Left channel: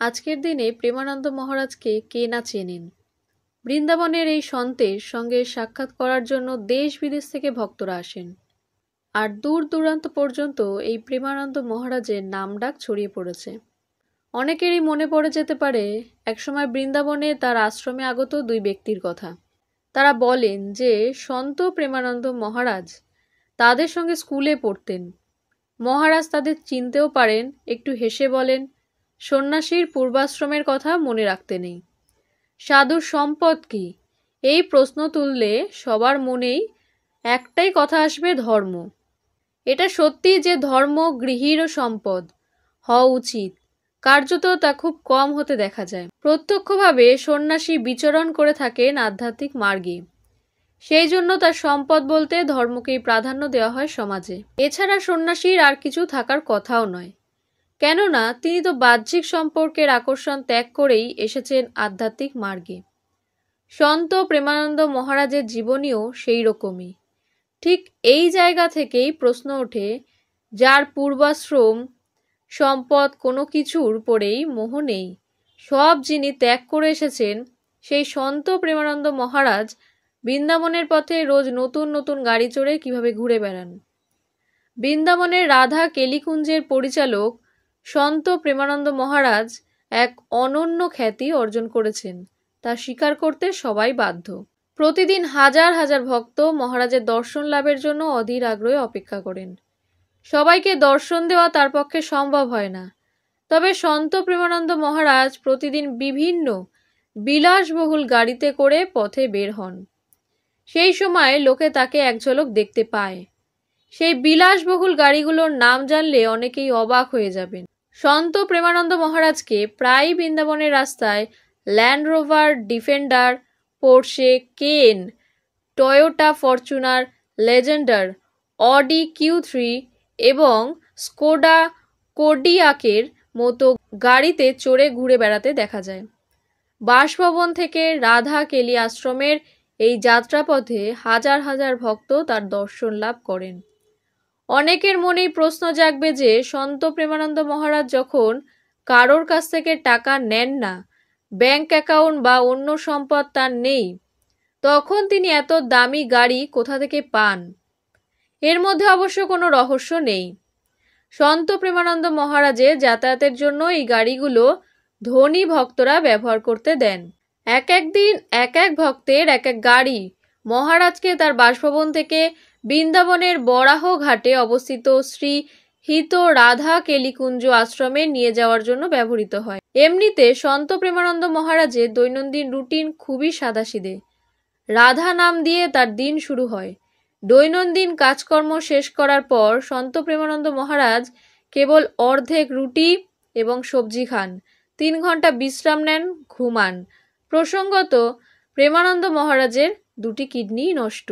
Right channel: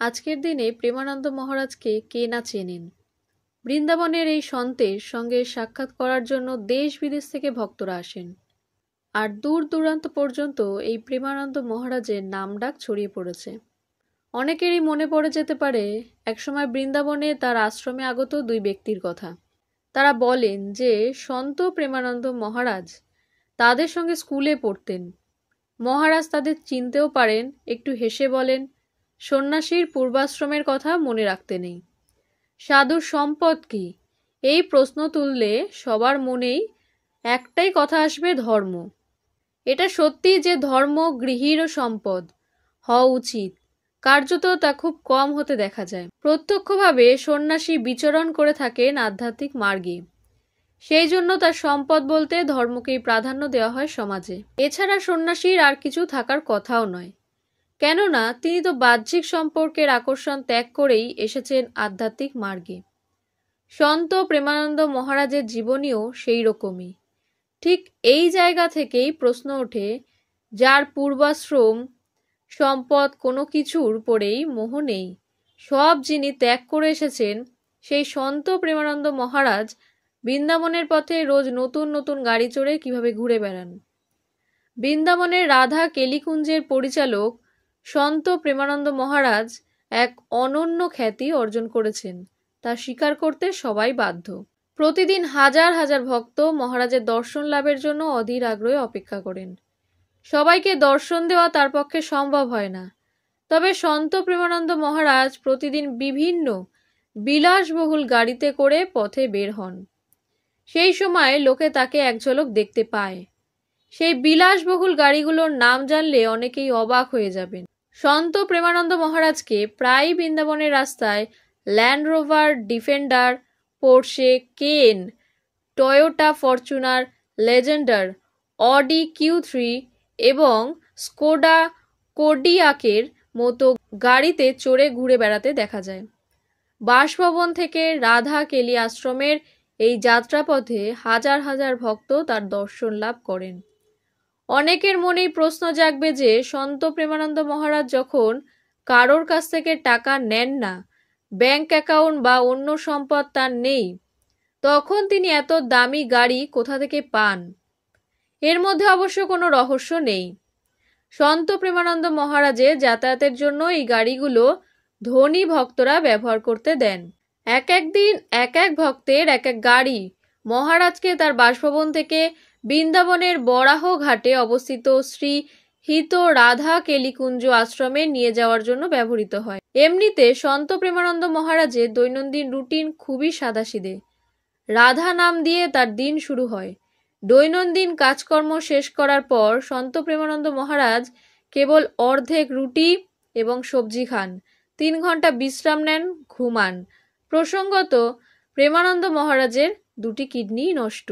আজকের দিনে প্রেমানন্দ মহারাজকে কে না চেনেন। বৃন্দাবনের এই সন্তের সঙ্গে সাক্ষাৎ করার জন্য দেশ বিদেশ থেকে ভক্তরা আসেন, আর দূর দূরান্ত পর্যন্ত এই প্রেমানন্দ মহারাজের নামডাক ছড়িয়ে পড়েছে। অনেকেরই মনে পড়ে যেতে পারে একসময় বৃন্দাবনে তার আশ্রমে আগত দুই ব্যক্তির কথা। তারা বলেন যে সন্ত প্রেমানন্দ মহারাজ তাদের সঙ্গে স্কুলে পড়তেন। মহারাজ তাদের চিনতেও পারেন, একটু হেসে বলেন, সন্ন্যাসীর পূর্বাশ্রমের কথা মনে রাখতে নেই। সাধুর সম্পদ কি? এই প্রশ্ন তুললে সবার মনেই একটাই কথা আসবে, ধর্ম। এটা সত্যি যে ধর্ম গৃহীর সম্পদ হওয়া উচিত, কার্যত তা খুব কম হতে দেখা যায়। প্রত্যক্ষভাবে সন্ন্যাসী বিচরণ করে থাকেন আধ্যাত্মিক মার্গে, সেই জন্য তার সম্পদ বলতে ধর্মকেই প্রাধান্য দেওয়া হয় সমাজে। এছাড়া সন্ন্যাসীর আর কিছু থাকার কথাও নয়, কেননা তিনি তো বাহ্যিক সম্পর্কের আকর্ষণ ত্যাগ করেই এসেছেন আধ্যাত্মিক মার্গে। সন্ত প্রেমানন্দ মহারাজের জীবনীও সেই রকমই। ঠিক এই জায়গা থেকেই প্রশ্ন ওঠে, যার পূর্বাশ্রম সম্পদ কোনো কিছুর পরেই মোহ নেই, সব যিনি ত্যাগ করে এসেছেন, সেই সন্ত প্রেমানন্দ মহারাজ বৃন্দাবনের পথে রোজ নতুন নতুন গাড়ি চড়ে কিভাবে ঘুরে বেড়ান। বৃন্দাবনের রাধা কেলিকুঞ্জের পরিচালক সন্ত প্রেমানন্দ মহারাজ এক অনন্য খ্যাতি অর্জন করেছেন, তা স্বীকার করতে সবাই বাধ্য। প্রতিদিন হাজার হাজার ভক্ত মহারাজের দর্শন লাভের জন্য অধীর আগ্রহে অপেক্ষা করেন। সবাইকে দর্শন দেওয়া তার পক্ষে সম্ভব হয় না, তবে সন্ত প্রেমানন্দ মহারাজ প্রতিদিন বিভিন্ন বিলাসবহুল গাড়িতে করে পথে বের হন। সেই সময় লোকে তাকে এক ঝলক দেখতে পায়। সেই বিলাসবহুল গাড়িগুলোর নাম জানলে অনেকেই অবাক হয়ে যাবেন। সন্ত প্রেমানন্দ মহারাজকে প্রায় বৃন্দাবনের রাস্তায় ল্যান্ড রোভার, ডিফেন্ডার, পোর্শে, কেন, Toyota Fortuner, Legendre, Audi Q3 এবং স্কোডা কোডিয়াকের মতো গাড়িতে চড়ে ঘুরে বেড়াতে দেখা যায়। বাসভবন থেকে রাধা কেলি আশ্রমের এই যাত্রাপথে হাজার হাজার ভক্ত তার দর্শন লাভ করেন। অনেকের মনেই প্রশ্ন জাগবে যে সন্ত প্রেমানন্দ মহারাজ যখন কারোর কাছ থেকে টাকা নেন না, ব্যাংক অ্যাকাউন্ট বা অন্য সম্পদ তার নেই, তখন তিনি এত দামি গাড়ি কোথা থেকে পান? এর মধ্যে অবশ্য কোনো রহস্য নেই। সন্ত প্রেমানন্দ মহারাজের যাতায়াতের জন্য এই গাড়িগুলো ধনী ভক্তরা ব্যবহার করতে দেন। এক এক দিন এক এক ভক্তের এক এক গাড়ি মহারাজকে তার বাসভবন থেকে বৃন্দাবনের বরাহ ঘাটে অবস্থিত শ্রী হিত রাধা কেলিকুঞ্জ আশ্রমে নিয়ে যাওয়ার জন্য ব্যবহৃত হয়। এমনিতে সন্ত প্রেমানন্দ মহারাজের দৈনন্দিন রুটিন খুবই সাদাসিধে। রাধা নাম দিয়ে তার দিন শুরু হয়। দৈনন্দিন কাজকর্ম শেষ করার পর সন্ত প্রেমানন্দ মহারাজ কেবল অর্ধেক রুটি এবং সবজি খান, 3 ঘন্টা বিশ্রাম নেন, ঘুমান। প্রসঙ্গত প্রেমানন্দ মহারাজের 2টি কিডনি নষ্ট।